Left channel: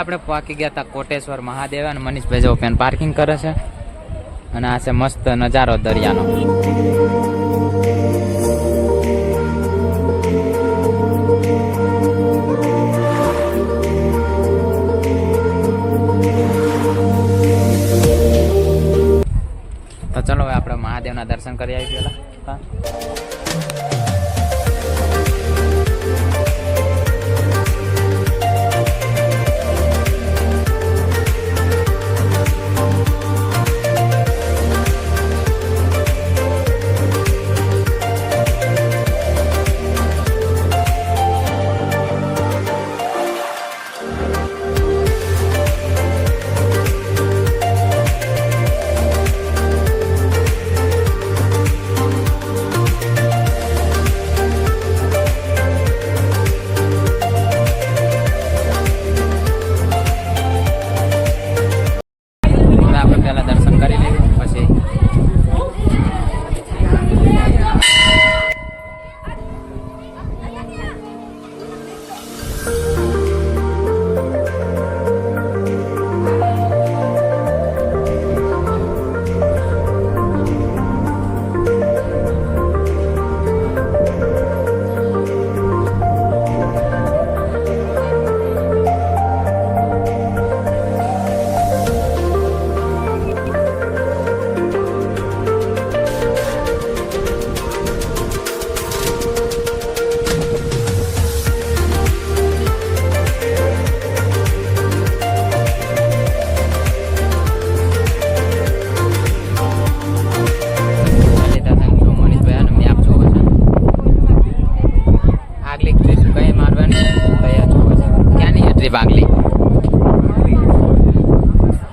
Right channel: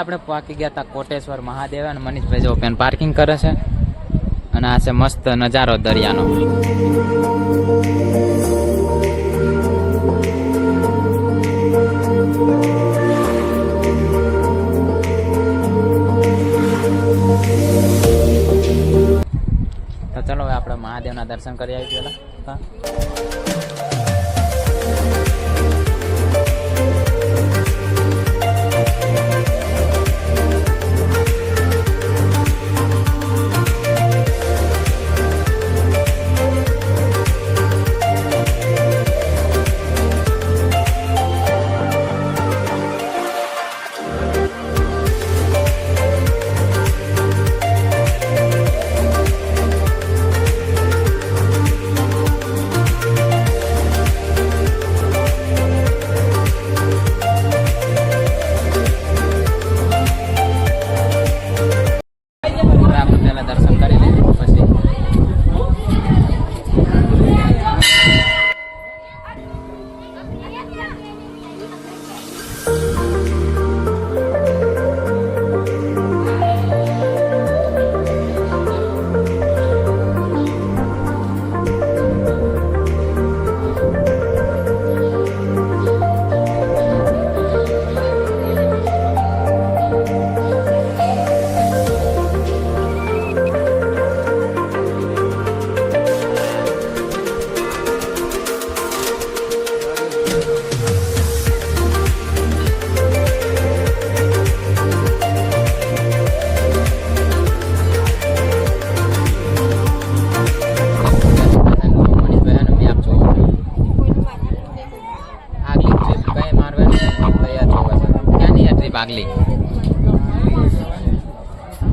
આપણે પાકી ગયા હતા કોટેશ્વર મહાદેવ અને મનીષભાઈ જો પેન પાર્કિંગ કરે છે અને આ છે મસ્ત નજારો દરિયાનો. તો ચલો હવે આપણે મહાદેવના દર્શન કરી આવી પેલા. આપણે પહેલા દર્શન કરી લઈએ પછી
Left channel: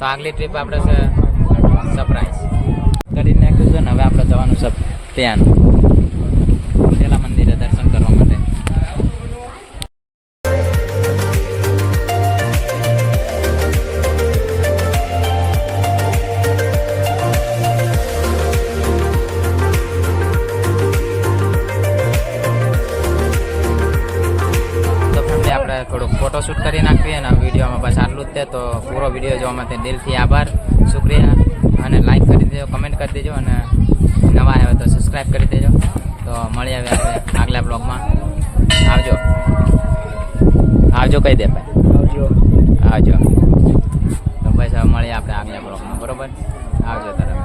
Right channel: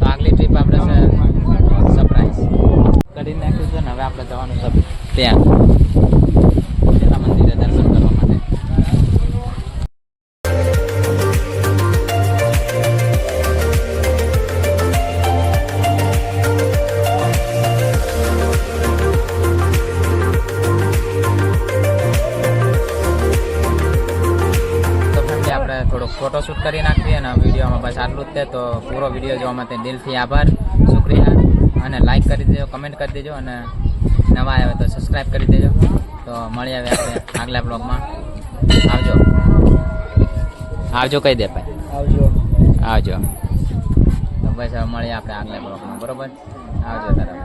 આગલી ટ્રીપ આપણે છે સરપ્રાઈઝ કરી નાખ્યું છે ને હવે આપણે જવાનું છે ત્યાં પેલા મંદિરે દર્શન કરવા માટે. થોડુંક ફોટોશૂટ કરી નાખીએ અને વિડીયોમાં બસ આટલું જ છે. તો પૂરો વિડીયો જોવા માટે દિલથી આભાર, શુક્રિયા. અને લાઈક કરી દેજો, કમેન્ટ કરી દેજો અને નવા આવે તો સબસ્ક્રાઈબ કરી દેજો. તો મળીએ હવે આપણે આગલા બ્લોગમાં. આવજો કહી દે ભાઈ. આવજો. તો બસ હવે મળીએ આપણે આગલા બ્લોગમાં. બરોબર, આવજો તરફ.